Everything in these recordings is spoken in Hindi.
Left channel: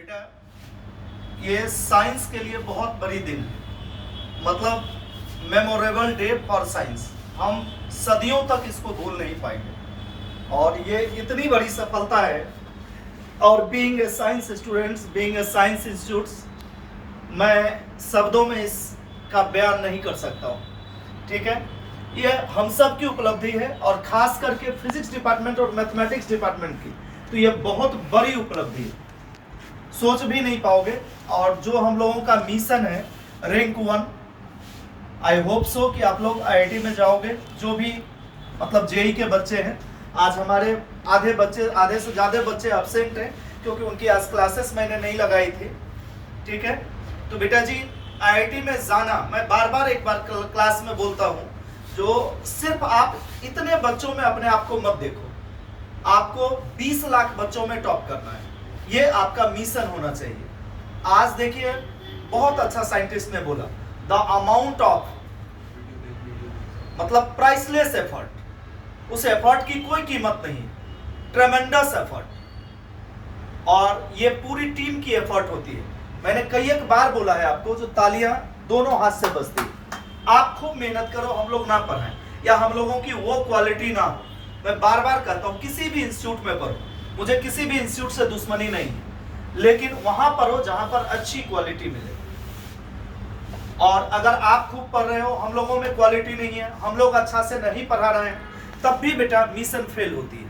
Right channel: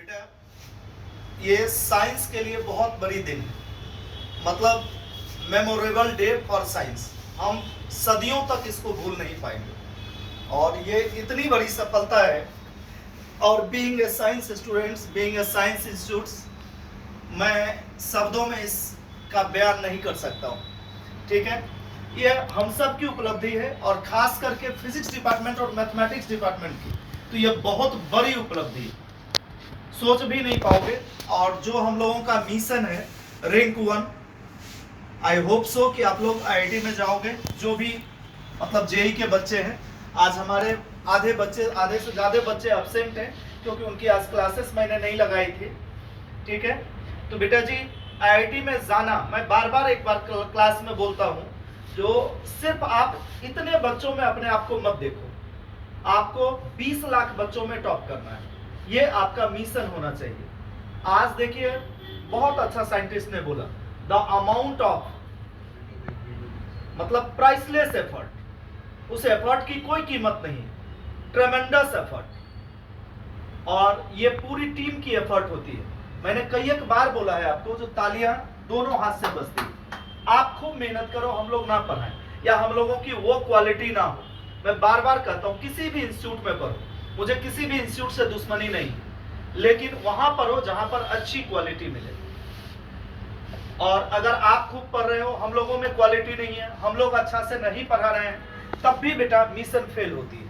बेटा ये साइंस के लिए बहुत बड़ी दिन है, मतलब मेमोरेबल डे फॉर साइंस। हम सदियों तक इसको भूल नहीं पाएंगे और ये इतनी बड़ी सफलता है। और being a science students, being a science institutes, मैं शब्दों में इसका बयान नहीं कर सकता हूँ। ठीक है, ये हम सब की उपलब्धि है और खास करके फिजिक्स डिपार्टमेंट और मैथमेटिक्स डिपार्टमेंट की तो ये बहुत बड़ी उपलब्धि है, सोच भी नहीं पाओगे। और जो हम लोगों का मिशन है रैंक 1, आई होप सो कि आप लोग आईआईटी में जाओगे। जो भी मतलब जेई के बच्चे हैं, आज हमारे आधे से ज़्यादा बच्चे एब्सेंट हैं क्योंकि उनकी आज क्लासेस मैंने नहीं लगाई थी। ठीक है, तो बेटा जी आईआईटी में जाना, मैं बार एक बार क्लास में बोलता हूँ, जो सिर्फ आप इतने बच्चों में अपने आप को मत देखो, आपको 20 लाख बच्चों में टॉप करना है, ये आपका मिशन होना चाहिए। आज देखिए बहुत अच्छा साइंटिस्ट ने बोला, द अमाउंट ऑफ मतलब प्राइसलेस एफर्ट, उस एफर्ट की कोई कीमत नहीं, ट्रेमेंडस एफर्ट। और ये पूरी टीम की एफर्ट होती है। मैंने कई एक बार बोला है आपको, जो तालियां दोनों हाथ से बजती है। आप खूब मेहनत करो, हम लोग ना पढ़ाएं या हम लोगों की वो क्वालिटी ना हो। मैं बार कहता हूं किसी भी इंस्टीट्यूट में पढ़ो, मुझे किसी भी इंस्टीट्यूट से दुश्मनी नहीं है, लेकिन वहां पढ़ो जहां पर अच्छी क्वालिटी मिले। और अगर आप खूब पढ़ रहे हो, हम लोगों में क्वालिटी नहीं है, हम लोग अच्छा से नहीं पढ़ा रहे हैं, तब भी बेटा मिशन फेल होती है।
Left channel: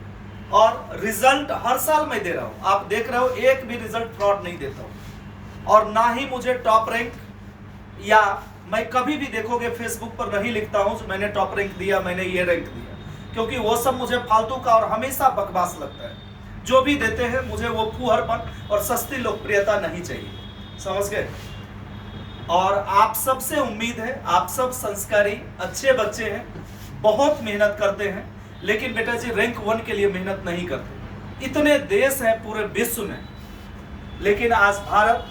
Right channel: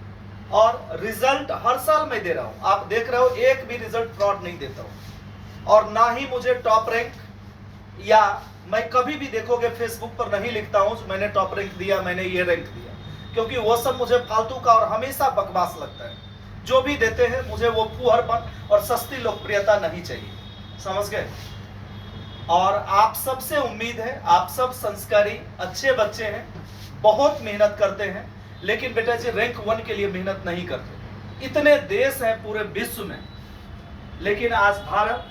और रिजल्ट हर साल मैं दे रहा हूं, आप देख रहे हो, एक भी रिजल्ट फ्रॉड नहीं देता हूं। और ना ही मुझे टॉप रैंक, या मैं कभी भी देखोगे फेसबुक पर नहीं लिखता हूं मैंने टॉप रैंक दिया, मैंने ये रैंक दिया, क्योंकि वो सब मुझे फालतू का और हमेशा बकवास लगता है। जो भी देते हैं मुझे वो फूहड़पन और सस्ती लोकप्रियता नहीं चाहिए, समझ गए। और आप सबसे उम्मीद है, आप सब संस्कारी अच्छे बच्चे हैं, बहुत मेहनत करते हैं, लेकिन बेटा जी रैंक 1 के लिए मेहनत नहीं करते। इतने देश हैं पूरे विश्व में, लेकिन आज भारत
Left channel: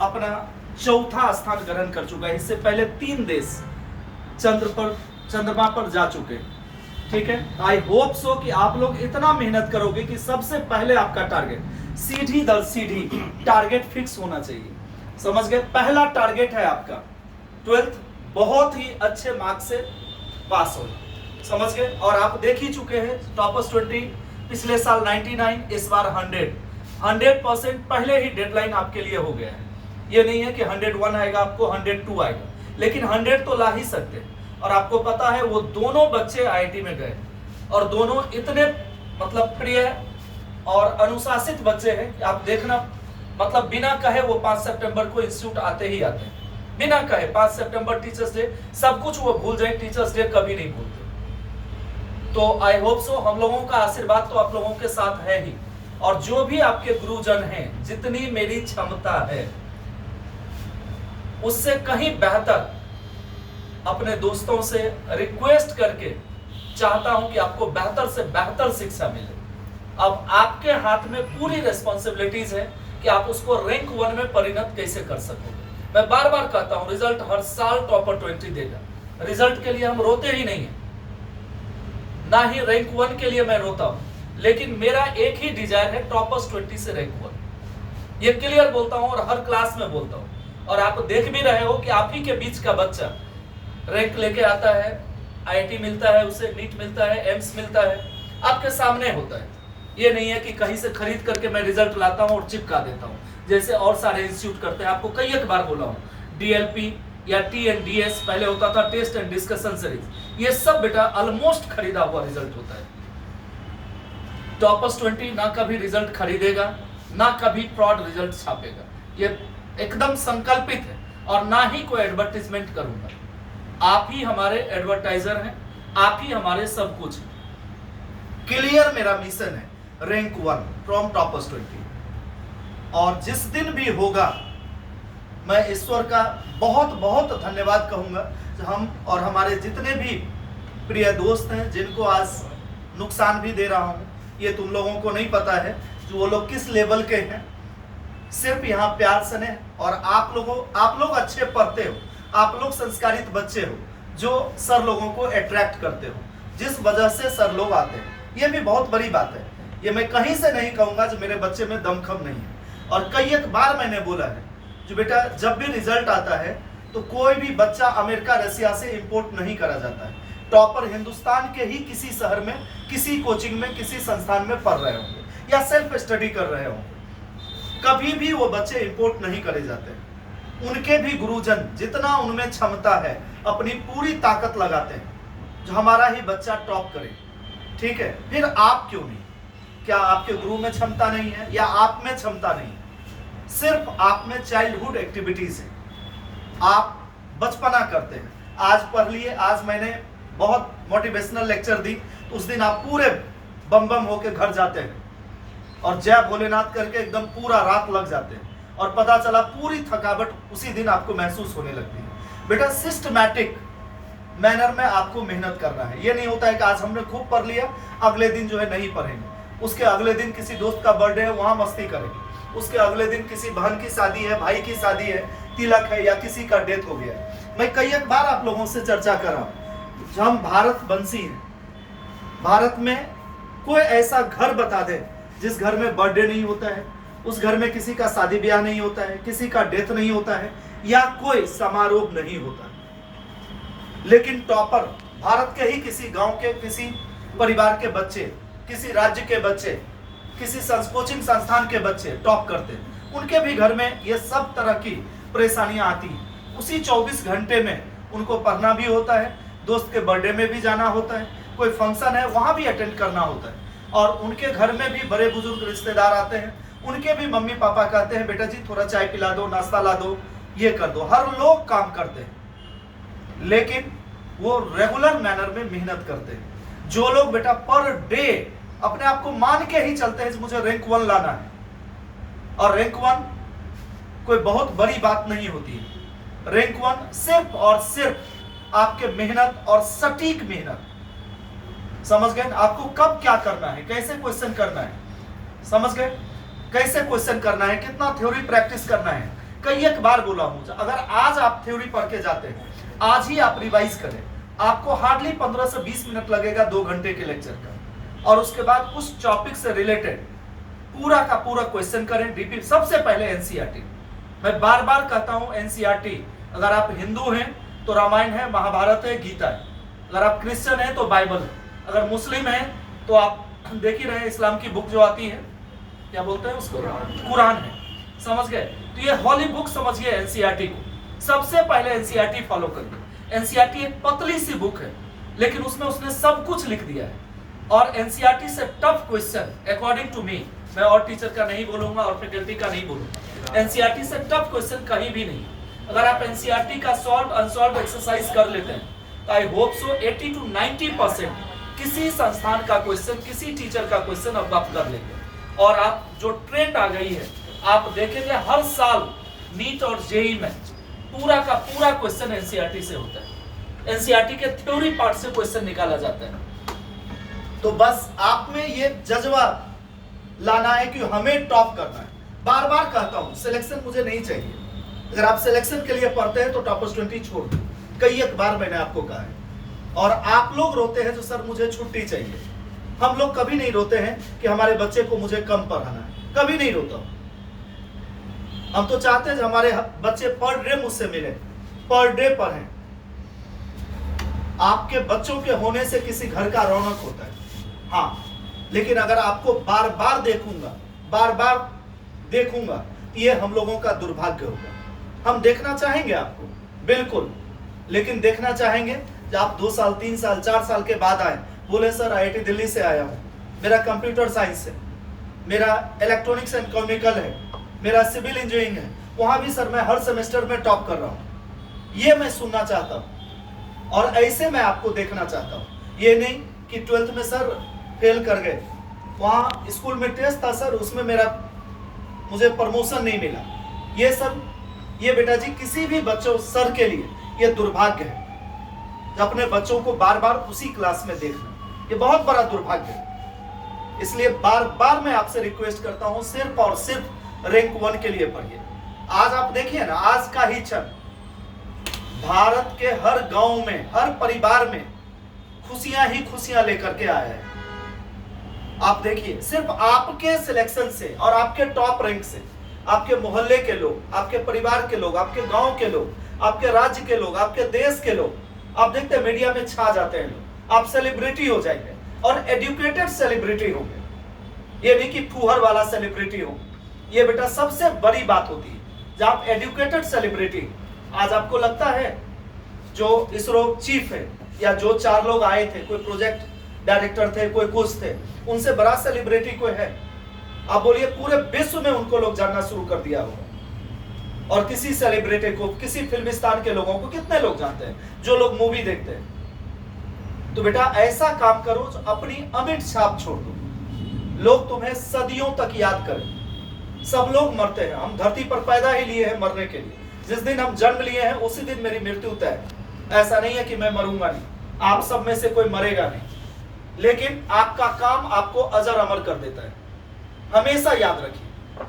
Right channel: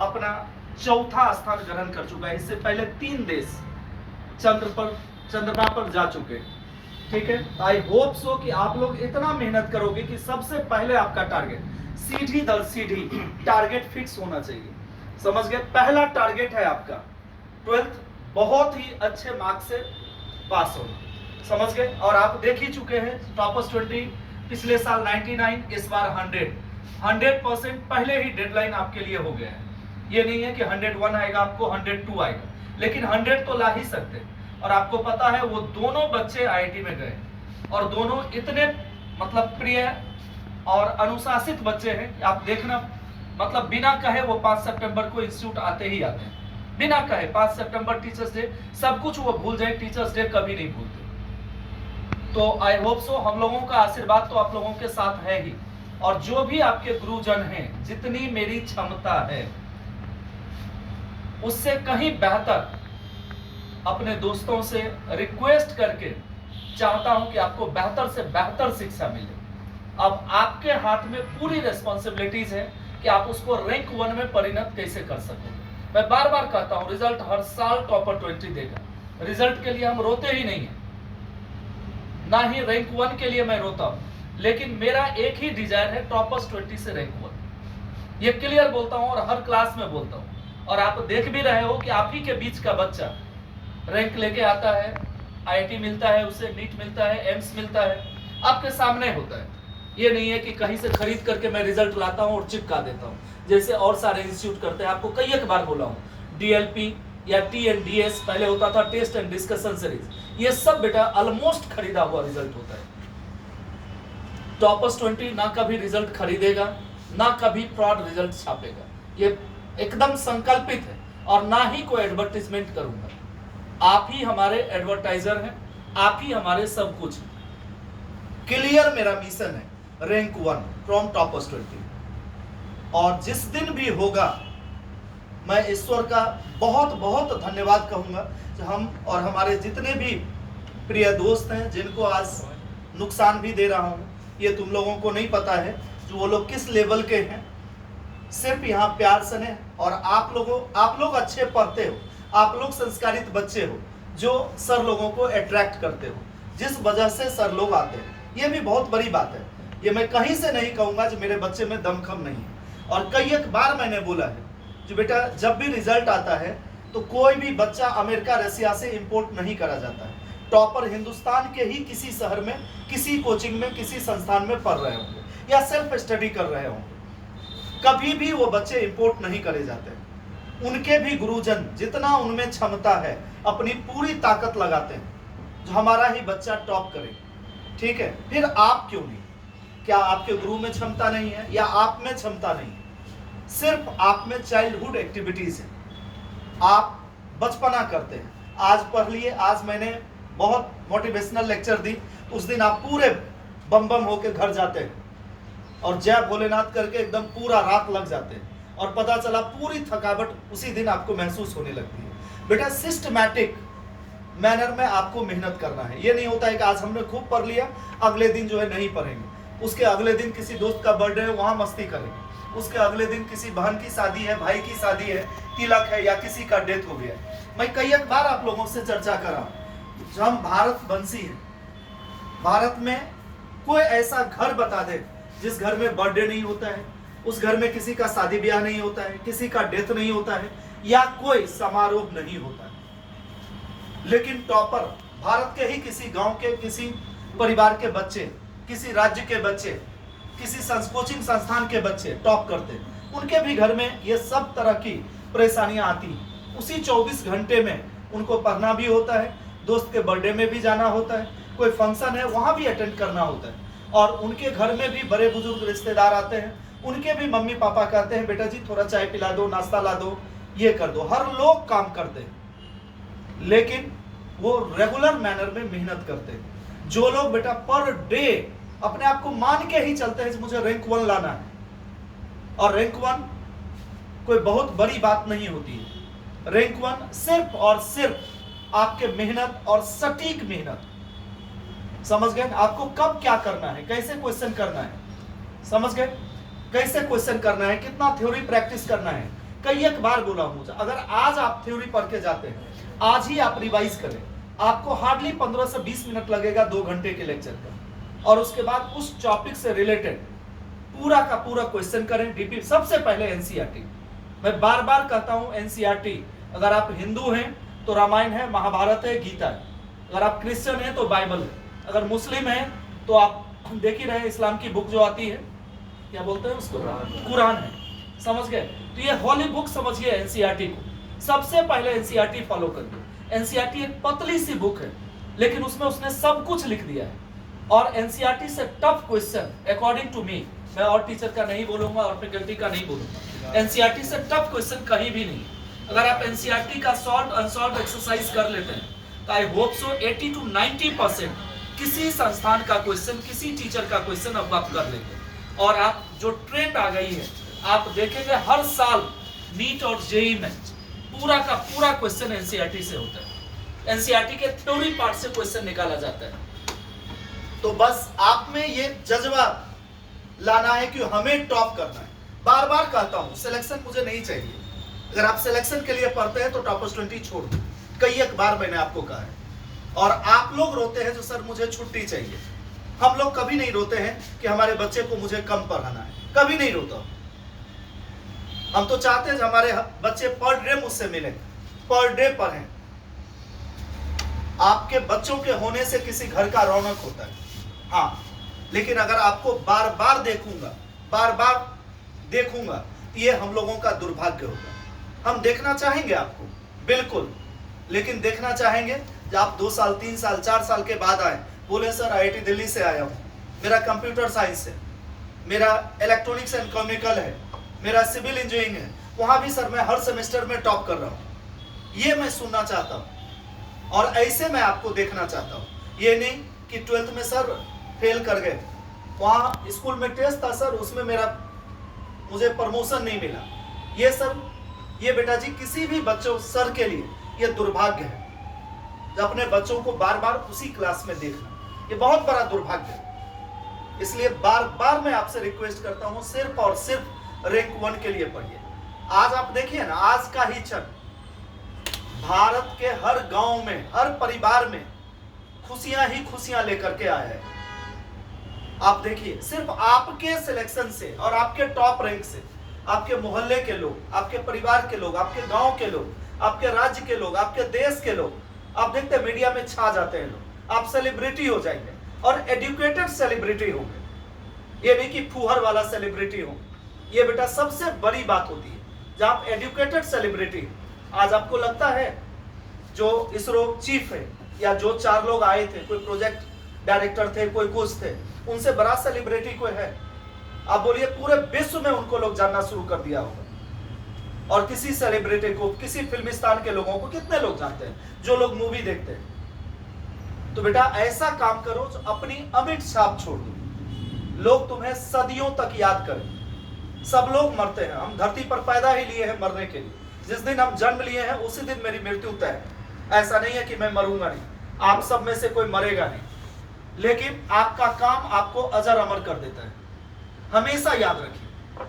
अपना चौथा स्थान ग्रहण कर चुका है। इससे पहले 3 देश चंद्रमा पर जा चुके हैं। ठीक है, आई होप सो कि आप लोग इतना मेहनत करोगे कि सबसे पहले आपका टारगेट सीढ़ी दर सीढ़ी टारगेट फिक्स होना चाहिए, समझ गए। पहला टारगेट है आपका 12th बहुत ही अच्छे मार्क्स से पास होना, समझ गए। और आप देख ही चुके हैं टॉपर्स 20, पिछले साल 99, इस बार 100% पहले ही डेडलाइन आपके लिए हो गया है। ये नहीं है कि 101 आएगा, आपको 102 आएगा, लेकिन 100 तो ला ही सकते हैं। और आपको पता है वो दोनों बच्चे आईआईटी में गए और दोनों इतने मतलब प्रिय और अनुशासित बच्चे हैं कि आप देखना, मतलब बिना कहे वो 5 सितंबर को इंस्टीट्यूट आते ही आते हैं, बिना कहे। 5 सितंबर टीचर्स डे, सब कुछ वो भूल जाए, टीचर्स डे कभी नहीं भूलते। तो आई होप सो हम लोगों का आशीर्वाद तो आप लोगों के साथ है ही, और जो भी आपके गुरुजन हैं, जितनी मेरी क्षमता है उससे कहीं बेहतर अपने दोस्तों से रिक्वेस्ट करके चाहता हूं कि आपको बेहतर से बेहतर शिक्षा मिले। अब आपके हाथ में पूरी रिस्पॉन्सिबिलिटीज है कि आप उसको रैंक 1 में परिणत कैसे कर सकोगे। मैं बार कहता हूं, रिजल्ट हर साल टॉपर 20 देगा। रिजल्ट के लिए हम रोते ही नहीं है, ना ही रैंक 1 के लिए मैं रोता हूं, लेकिन मेरा एक ही डिजायर है, टॉपर्स 20 से रैंक 1। ये क्लियर बोलता हूं और हर क्लास में बोलता हूं। और आप देख भी रहे हो कि आप ही के बीच का बच्चा रैंक लेके आता है, आईआईटी मिलता है उसे, नीट मिलता है, एम्स मिलता है, आपके सामने होता है। ये नहीं है कि कहीं से खरीद करके मैं रिजल्ट लाता हूं और चिपका देता हूं, जैसे और सारे इंस्टीट्यूट करते हैं। आपको कई एक बार बोला हूं, डीएलपी या TNDS पहले होता था, टेस्ट एंड डिस्कशन सीरीज, ये सब बेटा ऑलमोस्ट खरीदा हुआ रिजल्ट होता है। टॉपर्स 20 ना कभी रिजल्ट खरीदेगा, ना कभी फ्रॉड रिजल्ट छापेगा, ये एकदम संकल्पित है। और ना ही कोई एडवर्टाइजमेंट करूंगा, आप ही हमारे एडवर्टाइजर हैं, आप ही हमारे सब कुछ हैं। क्लियर मेरा मिशन है, रैंक 1 फ्रॉम टॉपर्स 20। और जिस दिन भी होगा मैं ईश्वर का बहुत धन्यवाद कहूंगा, हम और हमारे जितने भी प्रिय दोस्त हैं जिनको आज नुकसान भी दे रहा हूं। ये तुम लोगों को नहीं पता है जो वो लोग किस लेवल के हैं, सिर्फ यहाँ प्यार स्नेह। और आप लोग अच्छे पढ़ते हो, आप लोग संस्कारित बच्चे हो, जो सर लोगों को अट्रैक्ट करते हो, जिस वजह से सर लोग आते हैं। ये भी बहुत बड़ी बात है, ये मैं कहीं से नहीं कहूंगा जो मेरे बच्चे में दमखम नहीं है। और कई एक बार मैंने बोला है जो बेटा जब भी रिजल्ट आता है तो कोई भी बच्चा अमेरिका रसिया से इंपोर्ट नहीं करा जाता है। टॉपर हिंदुस्तान के ही किसी शहर में, किसी कोचिंग में, किसी संस्थान में पढ़ रहे होंगे या सेल्फ स्टडी कर रहे होंगे। कभी भी वो बच्चे इंपोर्ट नहीं करे जाते। उनके भी गुरुजन जितना उनमें क्षमता है अपनी पूरी ताकत लगाते हैं जो हमारा ही बच्चा टॉप करे। ठीक है, फिर आप क्यों नहीं? क्या आपके गुरु में क्षमता नहीं है या आप में क्षमता नहीं है? सिर्फ आप में चाइल्डहुड एक्टिविटीज है, आप बचपना करते हैं। आज पढ़ लिए, आज मैंने बहुत मोटिवेशनल लेक्चर दी, तो उस दिन आप पूरे बम बम होके घर जाते हैं और जय भोलेनाथ करके एकदम पूरा रात लग जाते हैं और पता चला पूरी थकावट उसी दिन आपको महसूस होने लगती है। बेटा सिस्टमैटिक मैनर में आपको मेहनत करना है। ये नहीं होता है कि आज हमने खूब पढ़ लिया, अगले दिन जो है नहीं पढ़ेंगे, उसके अगले दिन किसी दोस्त का बर्थडे है वहां मस्ती करेंगे, उसके अगले दिन किसी बहन की शादी है, भाई की शादी है, तिलक है या किसी का डेथ हो गया। मैं कई एक बार आप लोगों से चर्चा कर रहा हूं, जब हम भारतवंशी हैं, भारत में कोई ऐसा घर बता दे जिस घर में बर्थडे नहीं होता है, उस घर में किसी का शादी ब्याह नहीं होता है, किसी का डेथ नहीं होता है या कोई समारोह नहीं होता है। लेकिन टॉपर भारत के ही किसी गांव के, किसी परिवार के बच्चे, किसी राज्य के बच्चे, किसी कोचिंग संस्थान के बच्चे टॉप करते हैं। उनके भी घर में ये सब तरह की परेशानियां आती हैं। उसी 24 घंटे में उनको पढ़ना भी होता है, दोस्त के बर्थडे में भी जाना होता है, कोई फंक्शन है वहां भी अटेंड करना होता है, और उनके घर में भी बड़े बुजुर्ग रिश्तेदार आते हैं, उनके भी मम्मी पापा कहते हैं बेटा जी थोड़ा चाय पिला दो, नाश्ता ला दो, ये कर दो। हर लोग काम करते हैं लेकिन वो रेगुलर मैनर में मेहनत करते हैं। जो लोग बेटा पर डे अपने आप को मान के ही चलते हैं मुझे रैंक 1 लाना है, और रैंक 1 कोई बहुत बड़ी बात नहीं होती है। रैंक 1 सिर्फ और सिर्फ आपके मेहनत और सटीक मेहनत। समझ गए? आपको कब क्या करना है, कैसे क्वेश्चन करना है, समझ गए? कैसे क्वेश्चन करना है, कितना थ्योरी प्रैक्टिस करना है। कई एक बार बोला हूं, अगर आज आप थ्योरी पढ़ के जाते हैं, आज ही आप रिवाइज करें, आपको हार्डली 15 से 20 मिनट लगेगा 2 घंटे के लेक्चर का, और उसके बाद उस टॉपिक से रिलेटेड पूरा का पूरा क्वेश्चन करें। डीपी सबसे पहले एनसीईआरटी। मैं बार बार कहता हूं एनसीईआरटी। अगर आप हिंदू हैं तो रामायण है, महाभारत है, गीता है। अगर आप क्रिश्चियन हैं तो बाइबल है। अगर मुस्लिम हैं तो आप देख ही रहे इस्लाम की बुक जो आती है, क्या बोलते हैं उसको, कुरान है। समझ गए? तो ये हॉली बुक समझिए एनसीईआरटी को। सबसे पहले एनसीईआरटी फॉलो करिए। एनसीईआरटी एक पतली सी बुक है लेकिन उसमें उसने सब कुछ लिख दिया है, और एनसीईआरटी से tough question according to me, मैं और टीचर का नहीं बोलूंगा और फैकल्टी का नहीं बोलूंगा, एनसीईआरटी से टफ क्वेश्चन कहीं भी नहीं। अगर आप एनसीईआरटी का सॉल्व अनसॉल्व एक्सरसाइज कर लेते हैं तो आई होप सो 80 to 90% किसी संस्थान का क्वेश्चन, किसी टीचर का क्वेश्चन अब आप कर लेंगे। और आप जो ट्रेंड आ गई है, आप देखेंगे हर साल नीट और जेईई में पूरा का पूरा क्वेश्चन एनसीईआरटी से होता है। एनसीईआरटी के थ्योरी पार्ट से क्वेश्चन निकाला जाता है। तो बस आप में ये जज्बा लाना है कि हमें टॉप करना है। बार बार कहता हूं सिलेक्शन मुझे नहीं चाहिए। अगर आप सिलेक्शन के लिए पढ़ते हैं तो टॉपर्स 20 छोड़ दो। कई एक बार मैंने आपको कहा है। और आप लोग रोते हैं जो सर मुझे छुट्टी चाहिए। हम लोग कभी नहीं रोते हैं कि हमारे बच्चे को मुझे कम पढ़ाना है, कभी नहीं रोता। हम तो चाहते हैं हमारे बच्चे पर डे मुझसे मिले, पर डे पढ़ें। आपके बच्चों के होने से किसी घर का रौनक होता है, हाँ, लेकिन अगर आपको बार बार देखूंगा तो ये हम लोगों का दुर्भाग्य होगा। हम देखना चाहेंगे आपको बिल्कुल, लेकिन देखना चाहेंगे जब आप 2 साल 3 साल 4 साल के बाद आए, बोले सर आईआईटी दिल्ली से आया हूँ, मेरा कंप्यूटर साइंस है, मेरा इलेक्ट्रॉनिक्स एंड केमिकल है, मेरा सिविल इंजीनियरिंग है, वहां भी सर मैं हर सेमेस्टर में टॉप कर रहा हूँ। ये मैं सुनना चाहता हूँ और ऐसे मैं आपको देखना चाहता हूँ। ये नहीं कि 12th में सर फेल कर गए, वहाँ स्कूल में टेस्ट था सर, उसमें मुझे प्रमोशन नहीं मिला। ये सब, ये बेटा जी किसी भी बच्चों सर के लिए ये दुर्भाग्य है। अपने बच्चों को बार बार उसी क्लास में देखना, ये बहुत बड़ा दुर्भाग्य है। इसलिए बार बार मैं आपसे रिक्वेस्ट करता हूं, सिर्फ और सिर्फ रैंक 1 के लिए पढ़िए। आज आप देखिए ना, आज का ही क्षण भारत के हर गांव में, हर परिवार में खुशियां ही खुशियां लेकर के आया है। आप देखिए, सिर्फ आपके सिलेक्शन से और आपके टॉप रैंक से आपके मोहल्ले के लोग, आपके परिवार के लोग, आपके गांव के लोग, आपके राज्य के लोग, आपके देश के लोग, आप देखते हैं मीडिया में छा जाते हैं लोग, आप सेलिब्रिटी हो जाएंगे और एजुकेटेड सेलिब्रिटी होंगे। ये नहीं कि फूहर वाला सेलिब्रिटी हो। ये बेटा सबसे बड़ी बात होती है जब आप एजुकेटेड सेलिब्रिटी। आज आपको लगता है जो इसरो चीफ है या जो 4 लोग आए थे, कोई प्रोजेक्ट डायरेक्टर थे, कोई कुछ थे, उनसे बड़ा सेलिब्रिटी कोई है? आप बोलिए पूरे विश्व में उनको लोग जानना शुरू कर दिया होगा। और किसी सेलिब्रिटी को, किसी फिल्मिस्तान के लोगों को कितने लोग जानते हैं जो लोग मूवी देखते हैं। तो बेटा ऐसा काम करो जो अपनी अमिट छाप छोड़ दो, लोग तुम्हें सदियों तक याद करें। सब लोग मरते हैं, हम धरती पर पैदा ही लिए हैं मरने के लिए। जिस दिन हम जन्म लिए हैं उसी दिन मेरी मृत्यु तय है। ऐसा नहीं है कि मैं मरूंगा नहीं, आप सब में से कोई मरेगा नहीं, लेकिन आपका काम आपको अजर अमर कर देता है। हमेशा याद रखिए,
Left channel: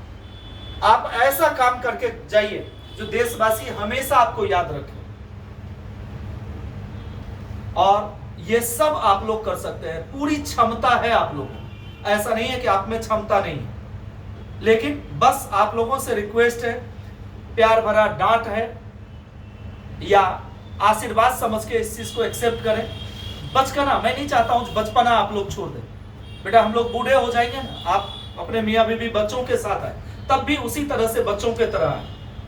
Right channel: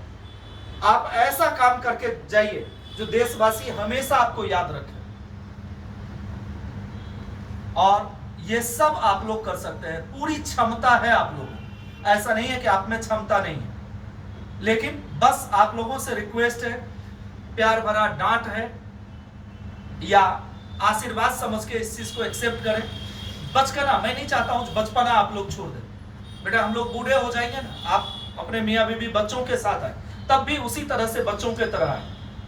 आप ऐसा काम करके जाइए जो देशवासी हमेशा आपको याद रखें। और ये सब आप लोग कर सकते हैं, पूरी क्षमता है आप लोगों को। ऐसा नहीं है कि आप में क्षमता नहीं है, लेकिन बस आप लोगों से रिक्वेस्ट है, प्यार भरा डांट है या आशीर्वाद समझ के इस चीज को एक्सेप्ट करें। बचपना मैं नहीं चाहता हूं बचपना आप लोग छोड़ दें। बेटा हम लोग बूढ़े हो जाएंगे ना, आप अपने मियाँ बीवी बच्चों के साथ आए, तब भी उसी तरह से बच्चों के तरह आए,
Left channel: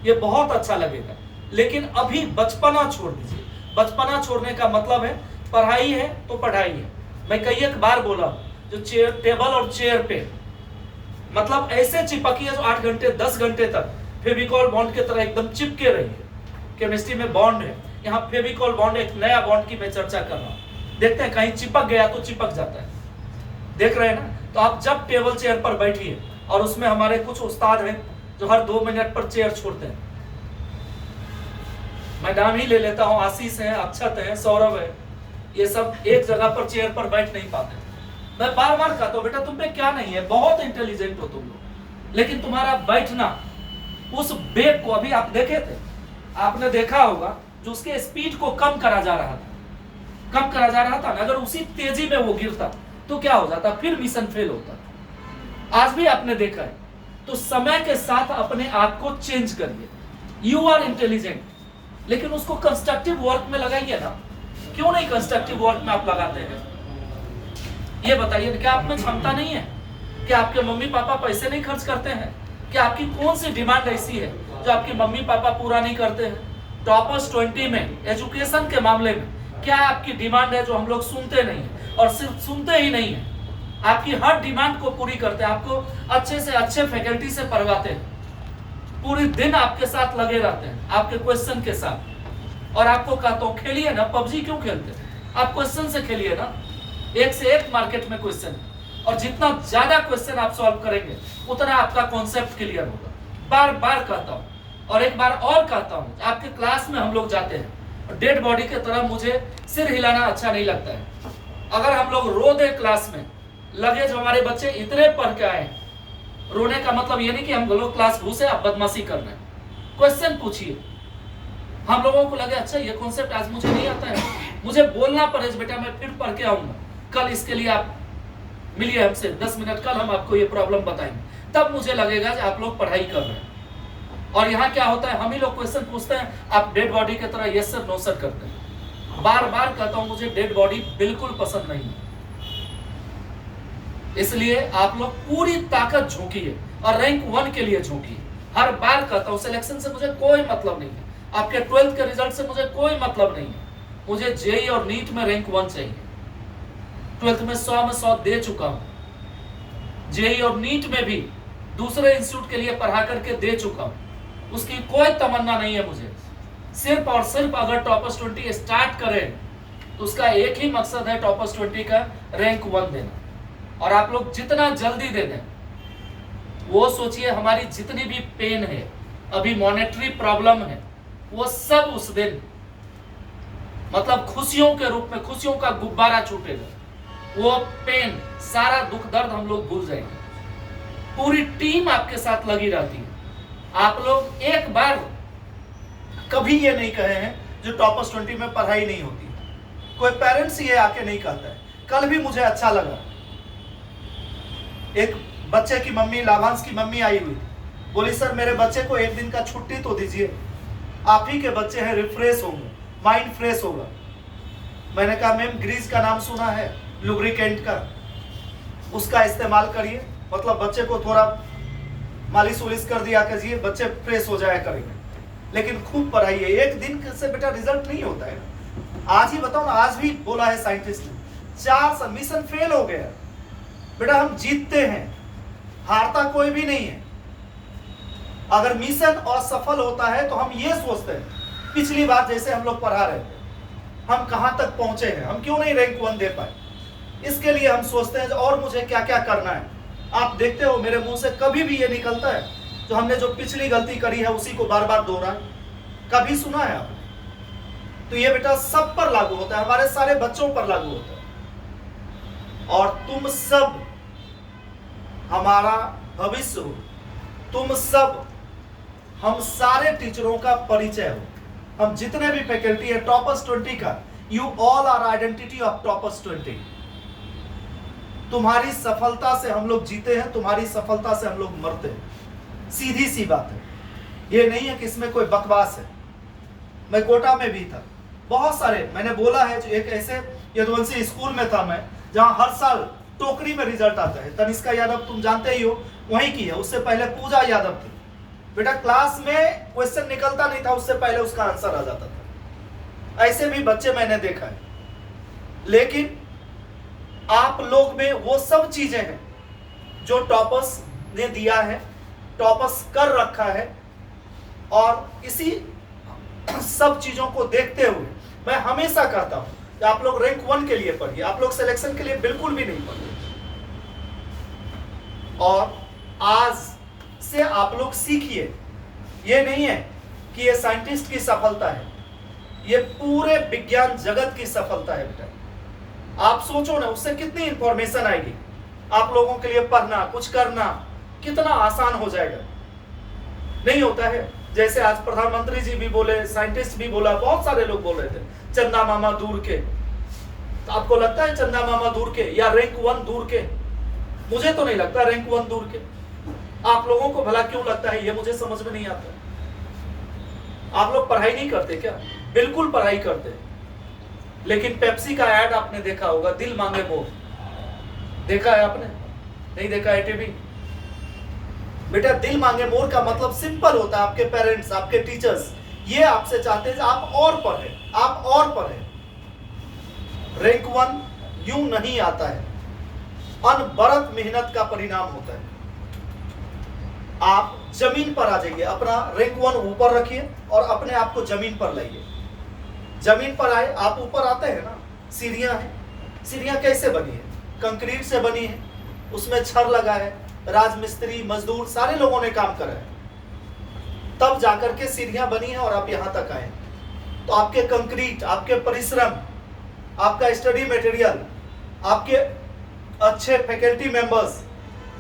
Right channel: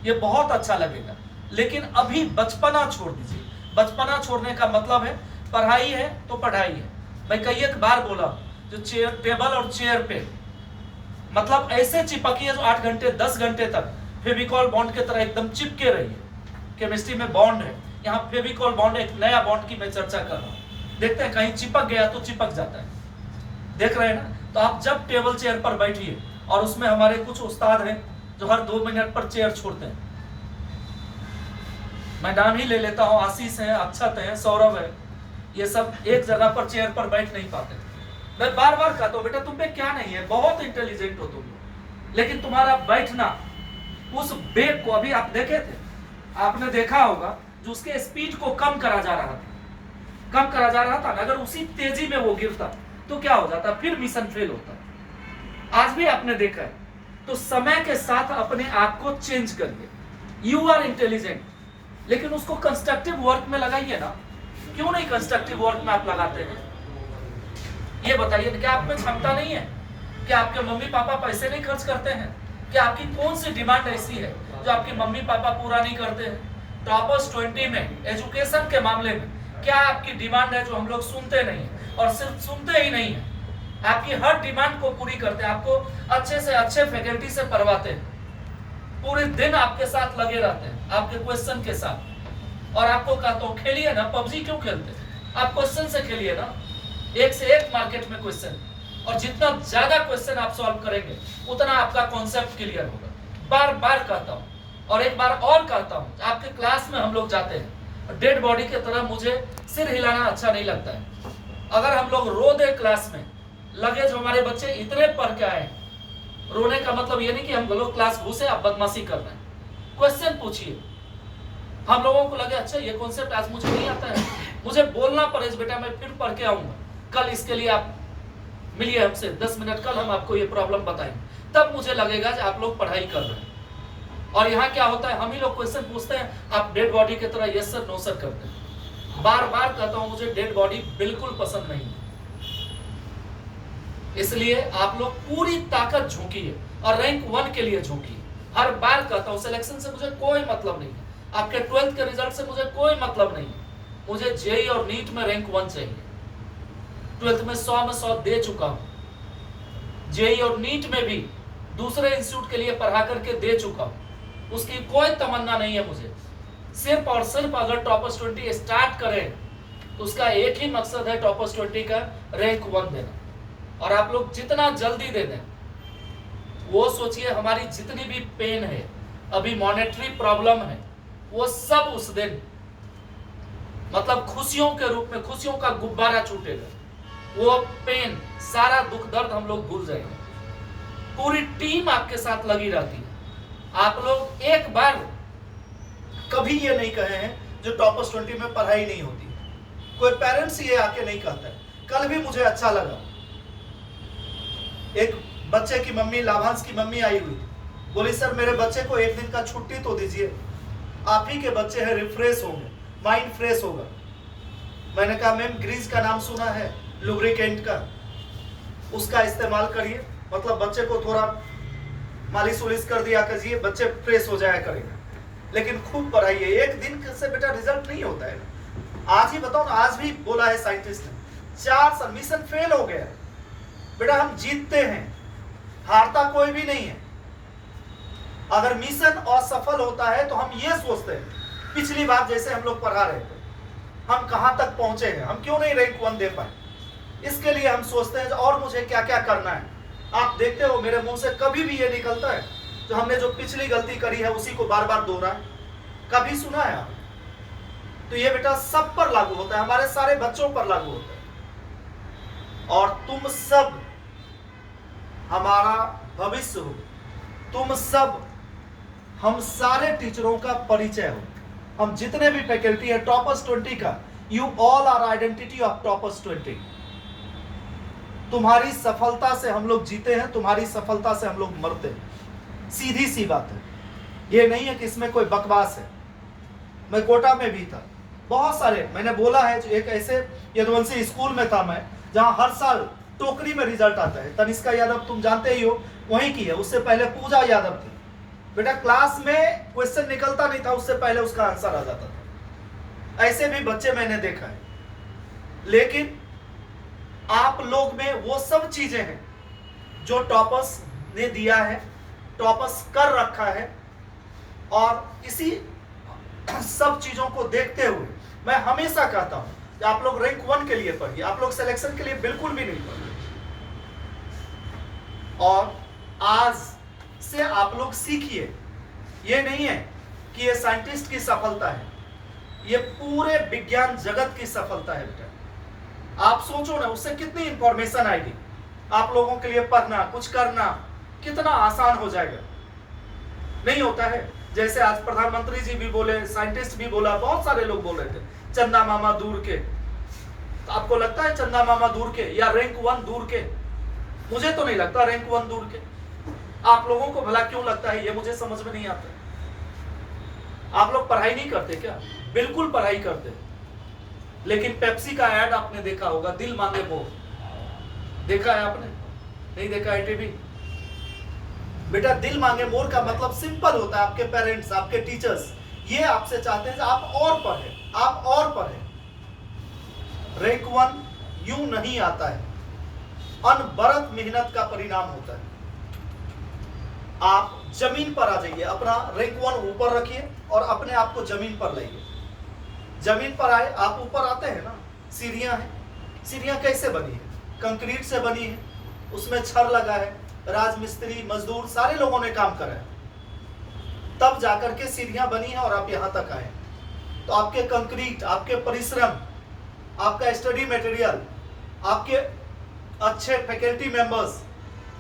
ये बहुत अच्छा लगेगा। लेकिन अभी बचपना छोड़ दीजिए। बचपना छोड़ने का मतलब है पढ़ाई है तो पढ़ाई है। मैं कई एक बार बोला, जो चेयर टेबल और चेयर पे मतलब ऐसे चिपकिए जो 8 घंटे 10 घंटे तक फेविकॉल बॉन्ड की तरह एकदम चिपके रहिए। केमिस्ट्री में बॉन्ड है, यहाँ फेविकॉल बॉन्ड, एक नया बॉन्ड की मैं चर्चा कर रहा हूँ। देखते हैं कहीं चिपक गया तो चिपक जाता है, देख रहे हैं ना। तो आप जब टेबल चेयर पर बैठिए, और उसमें हमारे कुछ उस्ताद हैं जो हर 2 मिनट पर चेयर छोड़ते हैं। मैं नाम ही ले लेता हूँ, आशीष है, अक्षत है, सौरभ है, ये सब एक जगह पर चेयर पर बैठ नहीं पाते। मैं बार बार कहता हूँ बेटा तुम पे क्या नहीं है, बहुत इंटेलिजेंट हो तुम, लेकिन तुम्हारा बैठना उस बेग को, अभी आप देखे थे, आपने देखा होगा जो उसके स्पीड को कम करा जा रहा था, कम करा जा रहा था ना, अगर उसी तेजी में वो गिरता तो क्या हो जाता, फिर मिशन फेल होता। आज भी आपने देखा है। तो समय के साथ अपने आप को चेंज करिए। यू आर इंटेलिजेंट, लेकिन उसको कंस्ट्रक्टिव वर्क में लगाइए ना। क्यों नहीं कंस्ट्रक्टिव वर्क में आप लगाते हैं? ये बताइए, क्या आप में क्षमता नहीं है? क्या आपके मम्मी पापा पैसे नहीं खर्च करते हैं? क्या आपकी कौन सी डिमांड ऐसी है जो आपके मम्मी पापा पूरा नहीं करते हैं? टॉपर्स 20 में एजुकेशन के मामले में क्या आपकी डिमांड है जो हम लोग सुनते नहीं है? और सिर्फ सुनते ही नहीं है, आपकी हर डिमांड को पूरी करते हैं, आपको अच्छे से अच्छे फैकल्टी से पढ़वाते हैं, पूरे दिन आपके साथ लगे रहते हैं, आपके क्वेश्चन के साथ। और आपको कहता हूं खेलिए ना, पबजी क्यों खेलते हैं? आप क्वेश्चन से खेलिए ना, एक से एक मार्केट में क्वेश्चन, और जितना ज्यादा क्वेश्चन आप सॉल्व करेंगे उतना आपका कॉन्सेप्ट क्लियर होगा। बार बार कहता हूं, और एक बार और कहता हूं, आपके क्लास में हम लोग जाते हैं, डेड बॉडी की तरह मुझे सिर हिलाना अच्छा नहीं लगता है। अगर हम लोग रो दे क्लास में, लगे जो हमारे बच्चे इतने पढ़ के आए, रोने का मतलब ये नहीं कि हम लोग क्लास घुसे आप बदमाशी कर रहे हैं। क्वेश्चन पूछिए, हम लोगों को लगे अच्छा ये कॉन्सेप्ट आज मुझे नहीं आता है, मुझे बोलना पड़े बेटा मैं फिर पढ़ के आऊंगा, कल इसके लिए आप मिलिए हमसे 10 मिनट, कल हम आपको ये प्रॉब्लम बताएंगे, तब मुझे लगेगा कि आप लोग पढ़ाई कर रहे हैं। और यहाँ क्या होता है, हम ही लोग क्वेश्चन पूछते हैं, आप डेड बॉडी की तरह यस सर नो सर करते हैं। बार बार कहता हूं मुझे डेड बॉडी बिल्कुल पसंद नहीं है। इसलिए आप लोग पूरी ताकत झोंकिए और रैंक 1 के लिए झोंकिए। हर बार कहता हूं सिलेक्शन से मुझे कोई मतलब नहीं है, आपके 12th के रिजल्ट से मुझे कोई मतलब नहीं है, मुझे जेई और नीट में रैंक 1 चाहिए। 12th में 100 में 100 दे चुका हूं, जेई और नीट में भी दूसरे इंस्टीट्यूट के लिए पढ़ा करके दे चुका हूं, उसकी कोई तमन्ना नहीं है मुझे। सिर्फ और सिर्फ अगर टॉपर्स 20 स्टार्ट करें तो उसका एक ही मकसद है, टॉपर्स 20 का रैंक 1 देना। और आप लोग जितना जल्दी दे दें, वो सोचिए हमारी जितनी भी पेन है, अभी मॉनेटरी प्रॉब्लम है, वो सब उस दिन मतलब खुशियों के रूप में, खुशियों का गुब्बारा छूटेगा। वो पेन, सारा दुख दर्द हम लोग भूल जाएंगे। पूरी टीम आपके साथ लगी रहती है। आप लोग एक बार कभी ये नहीं कहे हैं जो टॉपर्स 20 में पढ़ाई नहीं होती। कोई पेरेंट्स ये आके नहीं कहता है। कल भी मुझे अच्छा लगा, एक बच्चे की मम्मी, लाभांश की मम्मी आई हुई थी, बोली सर मेरे बच्चे को एक दिन का छुट्टी तो दीजिए, आप ही के बच्चे हैं, रिफ्रेश होंगे, माइंड फ्रेश होगा। मैंने कहा मैम ग्रीज का नाम सुना है, लुब्रिकेंट का, उसका इस्तेमाल करिए, मतलब बच्चे को थोड़ा मालिश उलिश कर दिया कीजिए, बच्चे फ्रेश हो जाया करेंगे। लेकिन खूब पढ़ाइए, एक दिन से बेटा रिजल्ट नहीं होता है। आज ही बताओ ना, आज भी बोला है साइंटिस्ट ने 4 साल मिशन फेल हो गया है। बेटा हम जीतते हैं, हारता कोई भी नहीं है। अगर मिशन असफल होता है तो हम ये सोचते हैं पिछली बार जैसे हम लोग पढ़ा रहे थे, हम कहां तक पहुंचे हैं, हम क्यों नहीं रैंक 1 दे पाए। इसके लिए हम सोचते हैं और मुझे क्या क्या करना है। आप देखते हो मेरे मुंह से कभी भी ये निकलता है जो हमने जो पिछली गलती करी है उसी को बार बार दोहराए, कभी सुना है आपने? तो ये बेटा सब पर लागू होता है, हमारे सारे बच्चों पर लागू होता है। और तुम सब हमारा भविष्य हो, तुम सब हम सारे टीचरों का परिचय हो। हम जितने भी फैकल्टी है टॉपर्स 20 का, you all are identity of toppers 20। तुम्हारी सफलता से हम लोग जीते हैं, तुम्हारी सफलता से हम लोग मरते हैं, सीधी सी बात है। ये नहीं है कि इसमें कोई बकवास है। मैं कोटा में भी था, बहुत सारे मैंने बोला है, जो एक ऐसे यदुवंशी स्कूल में था मैं, जहां हर साल टोकरी में रिजल्ट आता है। तनिष्का यादव तुम जानते ही हो, वहीं की है, उससे पहले पूजा यादव थी। बेटा क्लास में क्वेश्चन निकलता नहीं था, उससे पहले उसका आंसर आ जाता था। ऐसे भी बच्चे मैंने देखा है। लेकिन आप लोग में वो सब चीजें हैं जो टॉपर्स ने दिया है, टॉपर्स कर रखा है। और इसी सब चीजों को देखते हुए मैं हमेशा कहता हूं कि आप लोग रैंक 1 के लिए पढ़िए, आप लोग सिलेक्शन के लिए बिल्कुल भी नहीं पढ़िए। और आज से आप लोग सीखिए, ये नहीं है कि ये साइंटिस्ट की सफलता है, ये पूरे विज्ञान जगत की सफलता है। बेटा आप सोचो ना, उससे कितनी इंफॉर्मेशन आएगी, आप लोगों के लिए पढ़ना, कुछ करना कितना आसान हो जाएगा। नहीं होता है, जैसे आज प्रधानमंत्री जी भी बोले, साइंटिस्ट भी बोला, बहुत सारे लोग बोल रहे थे चंदा मामा दूर के। तो आपको लगता है चंदा मामा दूर के या रैंक 1 दूर के? मुझे तो नहीं लगता रैंक 1 दूर के। आप लोगों को भला क्यों लगता है, ये मुझे समझ में नहीं आता। आप लोग पढ़ाई नहीं करते क्या? बिल्कुल पढ़ाई करते। लेकिन पेप्सी का ऐड आपने देखा होगा, दिल मांगे मोर, देखा है आपने? नहीं देखा है टीवी? बेटा दिल मांगे मोर का मतलब सिंपल होता है, आपके पेरेंट्स, आपके टीचर्स ये आपसे चाहते हैं आप और पढ़ें, आप और पढ़ें। रैंक 1 यूं नहीं आता है, अनवरत मेहनत का परिणाम होता है। आप जमीन पर आ जाइए, अपना रैंक 1 ऊपर रखिए और अपने आप को जमीन पर लाइए। जमीन पर आए, आप ऊपर आते हैं ना, सीढ़ियां हैं। सीढ़ियां कैसे बनी है? कंक्रीट से बनी है, उसमें छड़ लगा है, राजमिस्त्री मजदूर सारे लोगों ने काम करा है, तब जाकर के सीढ़ियां बनी है और आप यहां तक आए। तो आपके कंक्रीट, आपके परिश्रम, आपका स्टडी मटेरियल, आपके अच्छे फैकल्टी मेंबर्स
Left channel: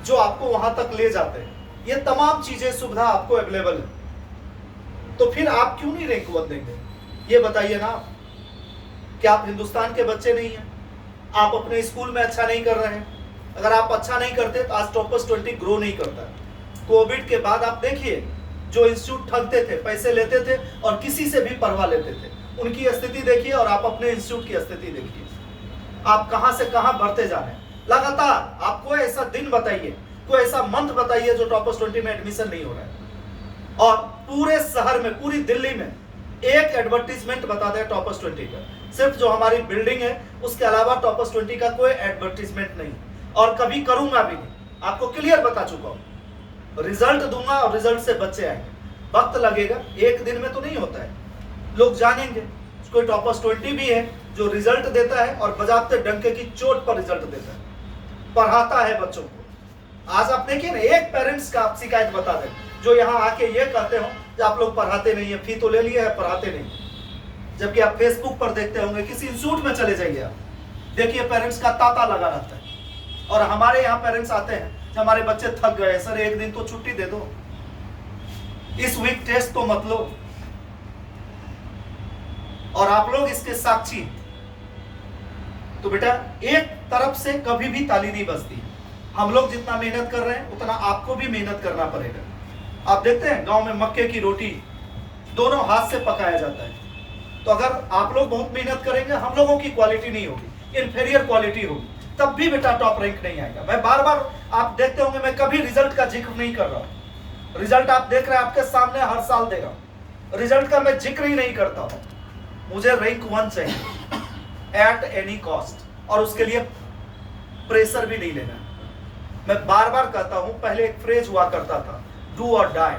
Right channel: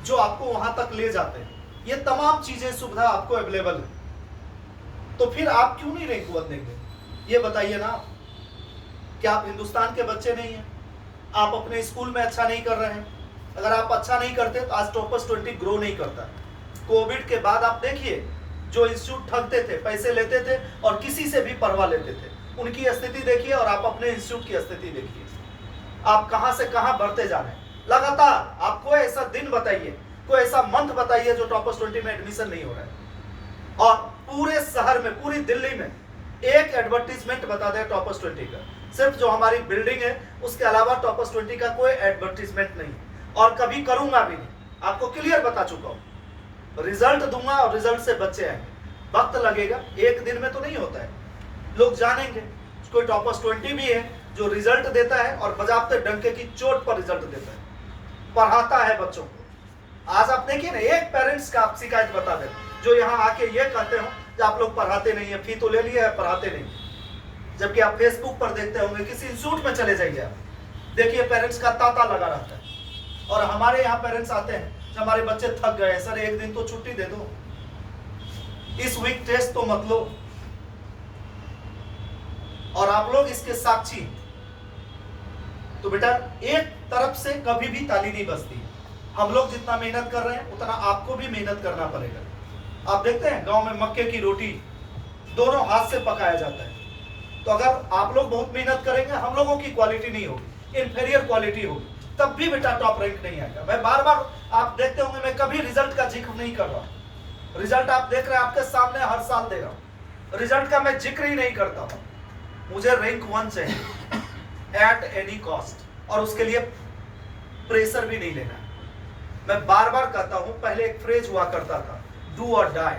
जो आपको वहां तक ले जाते हैं, ये तमाम चीजें सुविधा आपको अवेलेबल है। तो फिर आप क्यों नहीं रैंक 1 देंगे? ये बताइए ना। क्या आप हिंदुस्तान के बच्चे नहीं हैं? आप अपने स्कूल में अच्छा नहीं कर रहे हैं? अगर आप अच्छा नहीं करते तो आज टॉपर्स 20 ग्रो नहीं करता। कोविड के बाद आप देखिए, जो इंस्टीट्यूट ठगते थे, पैसे लेते थे और किसी से भी पढ़वा लेते थे, उनकी स्थिति देखिए और आप अपने इंस्टीट्यूट की स्थिति देखिए। आप कहां से कहां बढ़ते जा रहे हैं। लगातार आप कोई ऐसा दिन बताइए, कोई ऐसा मंथ बताइए जो टॉपर्स 20 में एडमिशन नहीं हो रहा है। और पूरे शहर में, पूरी दिल्ली में एक एडवर्टीजमेंट बता दें टॉपर्स 20 का, सिर्फ जो हमारी बिल्डिंग है उसके अलावा टॉपर्स 20 का कोई एडवर्टीजमेंट नहीं, और कभी करूंगा भी नहीं। आपको क्लियर बता चुका हूं, रिजल्ट दूंगा और रिजल्ट से बच्चे आएंगे। वक्त लगेगा, एक दिन में तो नहीं होता है, लोग जानेंगे। कोई टॉपर्स 20 भी है जो रिजल्ट देता है और बजाते डंके की चोट पर रिजल्ट देता है, पढ़ाता है बच्चों को। आज आप देखिए ना, एक पेरेंट्स का आप शिकायत बता दें जो यहाँ आके ये कहते हो कि आप लोग पढ़ाते नहीं है, फी तो ले लिया है, पढ़ाते नहीं। जबकि आप फेसबुक पर देखते होंगे, किसी इंस्टीट्यूट में चले जाइए आप, देखिए पेरेंट्स का तांता लगा रहता है। और हमारे यहाँ पेरेंट्स आते हैं कि हमारे बच्चे थक गए सर, एक दिन तो छुट्टी दे दो, इस वीक टेस्ट तो मत लो। और आप लोग इसके साक्षी। तो बेटा एक तरफ से कभी भी ताली नहीं बजती। हम लोग जितना मेहनत कर रहे हैं उतना आपको भी मेहनत करना पड़ेगा। आप देखते हैं गांव में मक्के की रोटी दोनों हाथ से पकाया जाता है। तो अगर आप लोग बहुत मेहनत करेंगे, हम लोगों की क्वालिटी नहीं होगी, इन्फीरियर क्वालिटी होगी, तब भी बेटा टॉप रैंक नहीं आएगा। मैं बार बार, आप देखते होंगे मैं कभी रिजल्ट का जिक्र नहीं कर रहा हूं। रिजल्ट आप देख रहे हैं, आपके सामने हर साल दे रहा हूं, रिजल्ट का मैं जिक्र ही नहीं करता हूं। मुझे रैंक 1 चाहिए एट एनी कॉस्ट, और उसके लिए प्रेशर भी नहीं लेना। मैं बार बार कहता हूं, पहले एक फ्रेज हुआ करता था, डू और डाई।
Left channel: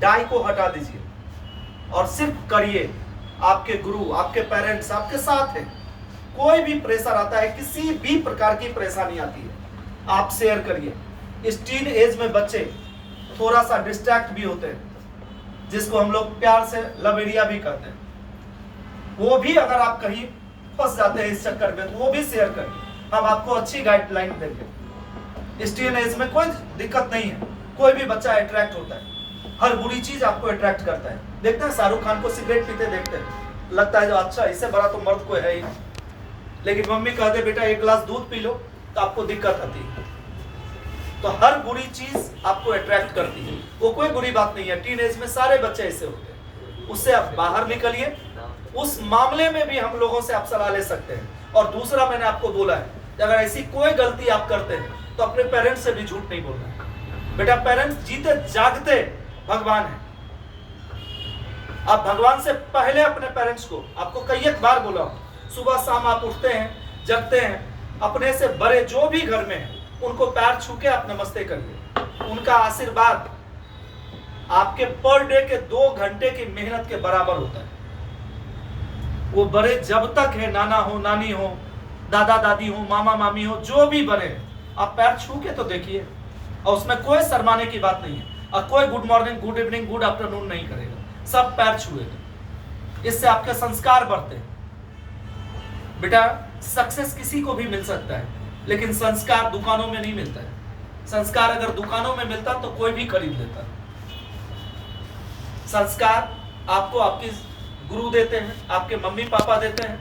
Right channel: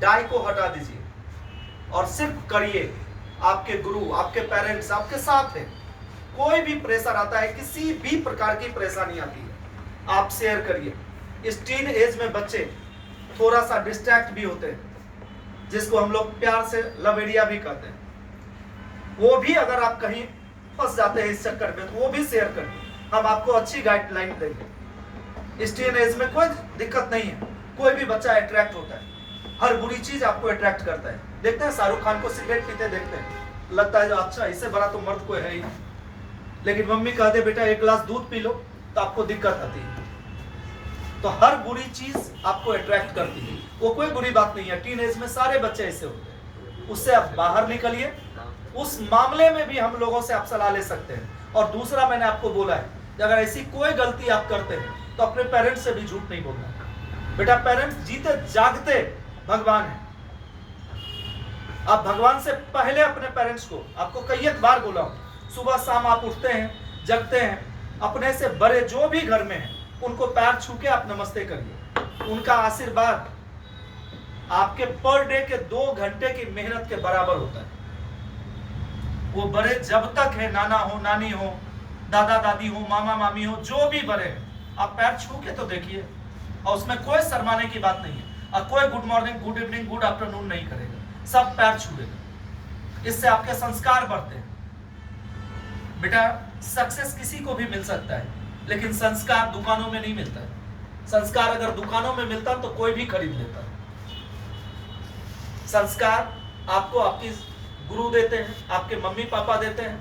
डाई को हटा दीजिए और सिर्फ करिए। आपके गुरु, आपके पेरेंट्स आपके साथ हैं। कोई भी प्रेशर आता है, किसी भी प्रकार की परेशानी आती है, आप शेयर करिए। इस टीन एज में बच्चे थोड़ा सा डिस्ट्रैक्ट भी होते हैं, जिसको हम लोग प्यार से लवेरिया भी कहते हैं। वो भी अगर आप कहीं फंस जाते हैं इस चक्कर में, तो वो भी शेयर करिए, हम आपको अच्छी गाइडलाइन देंगे। इस टीन एज में कोई दिक्कत नहीं है, कोई भी बच्चा अट्रैक्ट होता है, हर बुरी चीज आपको अट्रैक्ट करता है। देखते हैं शाहरुख खान को सिगरेट पीते देखते हैं, लगता है जो अच्छा इससे बड़ा तो मर्द कोई है ही नहीं। लेकिन मम्मी कहते बेटा एक गिलास दूध पी लो, तो आपको दिक्कत आती है। तो हर बुरी चीज आपको अट्रैक्ट करती है, वो कोई बुरी बात नहीं है। टीन एज में सारे बच्चे ऐसे होते हैं, उससे आप बाहर निकलिए। उस मामले में भी हम लोगों से आप सलाह ले सकते हैं। और दूसरा, मैंने आपको बोला है, अगर ऐसी कोई गलती आप करते हैं तो अपने पेरेंट्स से भी झूठ नहीं बोलना है। बेटा पेरेंट्स जीते जागते भगवान है। आप भगवान से पहले अपने पेरेंट्स को, आपको कई एक बार बोला, सुबह शाम आप उठते हैं, जगते हैं, अपने से बड़े जो भी घर में हैं उनको पैर छू के आप नमस्ते करिए। उनका आशीर्वाद आपके पर डे के 2 घंटे की मेहनत के बराबर होता है। वो बड़े जब तक है, नाना हो, नानी हो, दादा दादी हो, मामा मामी हो, जो भी बड़े हैं, आप पैर छू के तो देखिए। और उसमें कोई शर्माने की बात नहीं है, और कोई good morning, good evening, good afternoon नहीं करेगा, सब पैर छुएगा। इससे आपके संस्कार बढ़ते हैं। बेटा सक्सेस किसी को भी मिल सकता है, लेकिन संस्कार दुकानों में नहीं मिलता है। संस्कार अगर दुकानों में मिलता तो कोई भी खरीद लेता। संस्कार आपको आपकी गुरु देते हैं, आपके मम्मी पापा देते हैं,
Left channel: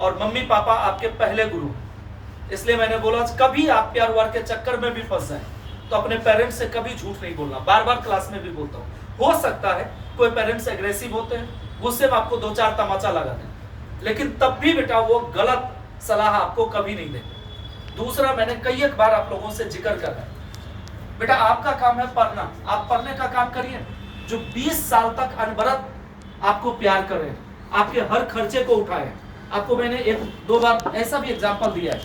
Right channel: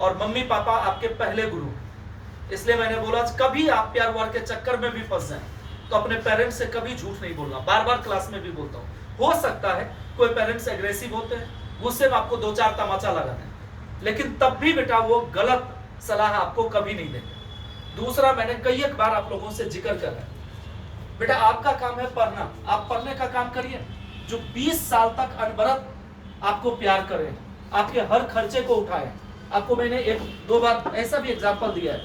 और मम्मी पापा आपके पहले गुरु। इसलिए मैंने बोला, कभी आप प्यार वार के चक्कर में भी फंस जाएं तो अपने पेरेंट्स से कभी झूठ नहीं बोलना। बार बार क्लास में भी बोलता हूँ, हो सकता है कोई पेरेंट्स एग्रेसिव होते हैं, गुस्से में आपको 2-4 तमाचा लगा दें, लेकिन तब भी बेटा वो गलत सलाह आपको कभी नहीं देंगे। दूसरा, मैंने कई एक बार आप लोगों से जिक्र करा, बेटा आपका काम है पढ़ना, आप पढ़ने का काम करिए। जो 20 साल तक अनवरत आपको प्यार करें, आपके हर खर्चे को उठाए। आपको मैंने 1-2 बार ऐसा भी एग्जांपल दिया है,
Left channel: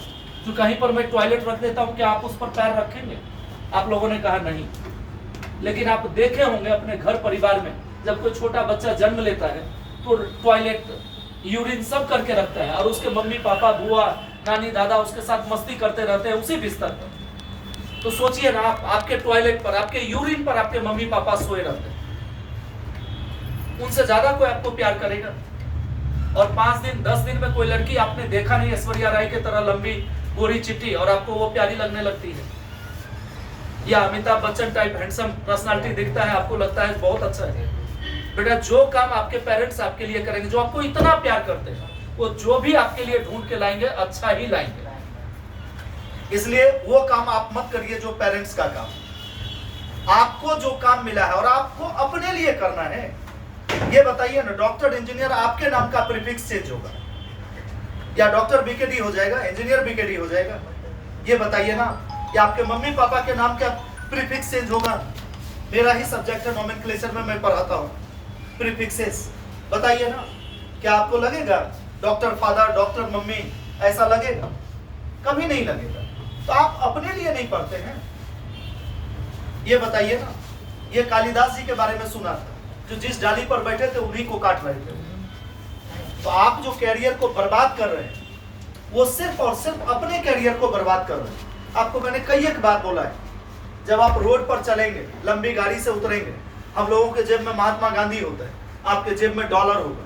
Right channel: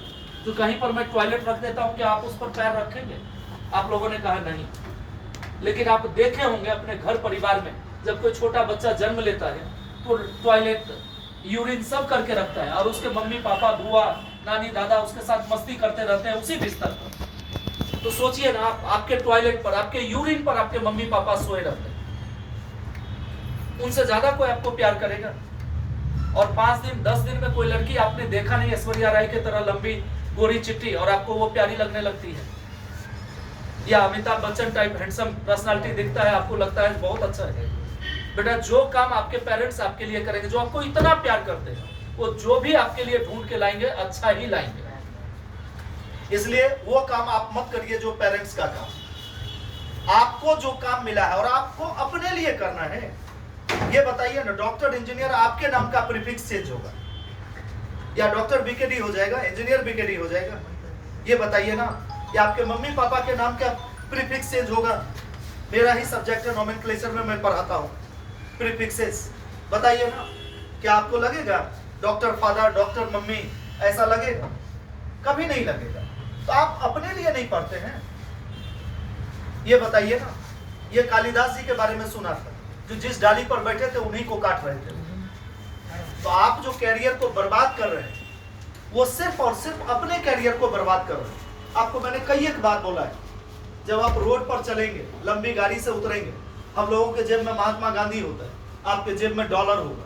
जो कहीं पर मैं टॉयलेट रख देता हूं कि आप उस पर पैर रखेंगे? आप लोगों ने कहा नहीं। लेकिन आप देखे होंगे अपने घर परिवार में, जब कोई छोटा बच्चा जन्म लेता है तो टॉयलेट, यूरिन सब करके रखता है, और उसके मम्मी पापा, बुआ, नानी, दादा उसके साथ मस्ती करते रहते हैं उसी बिस्तर पर। तो सोचिए ना, आपके टॉयलेट पर, आपके यूरिन पर आपके मम्मी पापा सोए रहते हैं। उनसे ज्यादा कोई आपको प्यार करेगा? और 5 दिन 10 दिन में कोई लड़की आपने देखा नहीं ऐश्वर्या राय की तरह लंबी गोरी चिट्टी, और आपको वो प्यारी लगने लगती है? या Amitabh Bachchan type handsome personality दिखता है, आपको लगता है बहुत अच्छा है? बेटा जो काम आपके पेरेंट्स आपके लिए करेंगे, जो आपको इतना प्यार करते हैं, वो जो भी आपके लिए ढूंढ के लाएंगे अच्छा ही लाएंगे। इसलिए वो काम आप मत करिए जो पेरेंट्स का काम। आपको जो काम मिला है और आपको अपने लिए करना है, ये बताइए ना। डॉक्टर, इंजीनियर, आपके नाम का प्रीफिक्स चेंज होगा, या डॉक्टर बीकेडी हो जाएगा, इंजीनियर बीकेडी हो जाएगा? ये बताइए ना। या आपके मम्मी पापा के नाम का प्रीफिक्स चेंज होगा? मेरा ही सब्जेक्ट है, नोमेनक्लेचर में मैं पढ़ाता हूँ प्रीफिक्सेस। बताइए ना, क्या आपको लगेगा डॉक्टर फादर, डॉक्टर मम्मी, ऐसा लगेगा? कभी नहीं लगेगा। तो आप अपने लिए नहीं पढ़ते हैं, ये बताइए ना। ये कालिदास जी के बारे में सुना था, जो जिस डाली पर बैठे थे उन्हीं को काट रहे थे। तो आप जो कैरियर को बर्बाद कर रहे हैं, वो सिर्फ और सिर्फ अपने कैरियर को बर्बाद कर रहे हैं। आपको मैंने कई एक बार बोला है, जब आप रोड पर चलेंगे, लंबी गाड़ी से उतरेंगे, हम लोगों के जेब में महात्मा गांधी होता है, आपके जेब में डॉलर होगा,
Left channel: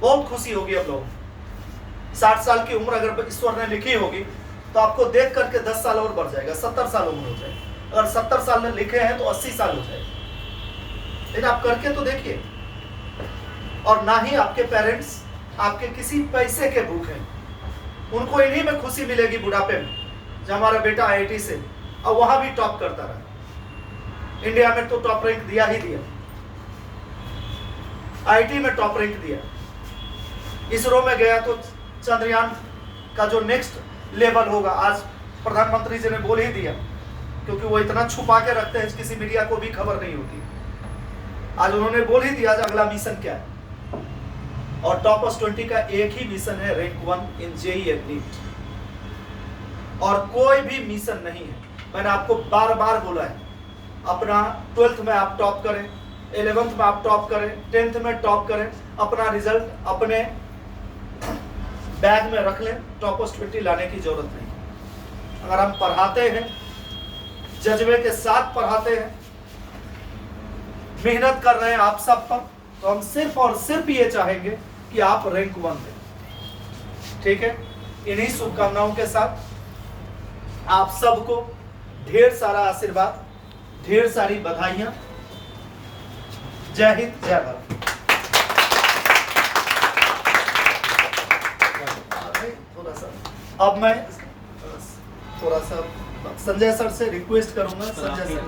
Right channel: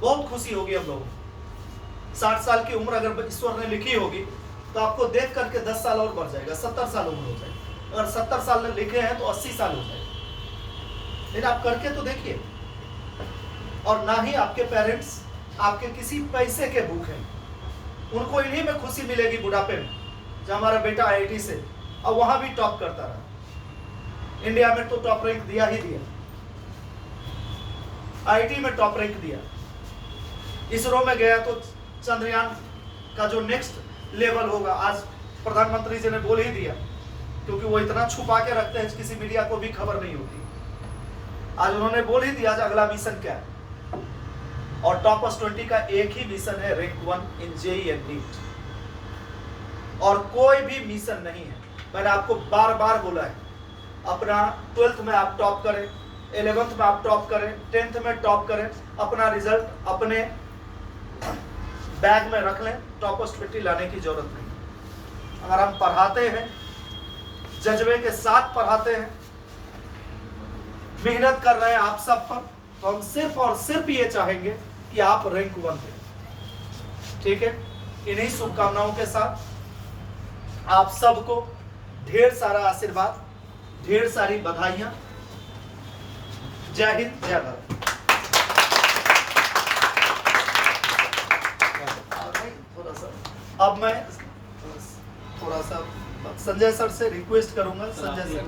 बहुत खुशी होगी हम लोगों। 60 साल की उम्र अगर ईश्वर ने लिखी होगी तो आपको देख करके 10 साल और बढ़ जाएगा, 70 साल उम्र हो जाएगी। अगर 70 साल में लिखे हैं तो 80 साल हो जाएगा। लेकिन आप करके तो देखिए। और ना ही आपके पेरेंट्स आपके किसी पैसे के भूखे हैं, उनको इन्हीं में खुशी मिलेगी बुढ़ापे में, जब हमारा बेटा IIT से और वहां भी टॉप करता रहा। इंडिया में तो टॉप रैंक दिया ही दिया, आईटी में टॉप रैंक दिया। इसरो में गया तो चंद्रयान का जो नेक्स्ट लेवल होगा, आज प्रधानमंत्री जी ने बोल ही दिया, क्योंकि वो इतना छुपा के रखते हैं किसी मीडिया को भी खबर नहीं होती। आज उन्होंने बोल ही दिया आज अगला मिशन क्या है, और टॉपर्स 20 का एक ही मिशन है, rank 1 in JEE and NEET, और कोई भी मिशन नहीं है। मैंने आपको बार बार बोला है, अपना 12th में आप टॉप करें, 11th में आप टॉप करें, 10th में टॉप करें, अपना रिजल्ट अपने बैग में रख लें, टॉपर्स 20 लाने की जरूरत नहीं। अगर हम पढ़ाते हैं, जज्बे के साथ पढ़ाते हैं, मेहनत कर रहे हैं आप सब पर, तो हम सिर्फ और सिर्फ ये चाहेंगे कि आप रैंक 1 दें। ठीक है, इन्हीं शुभकामनाओं के साथ आप सबको ढेर सारा आशीर्वाद, ढेर सारी बधाइयां। जय हिंद, जय भारत। थोड़ा सा अब मैं थोड़ा सा संजय सर से रिक्वेस्ट करूंगा, संजय सर।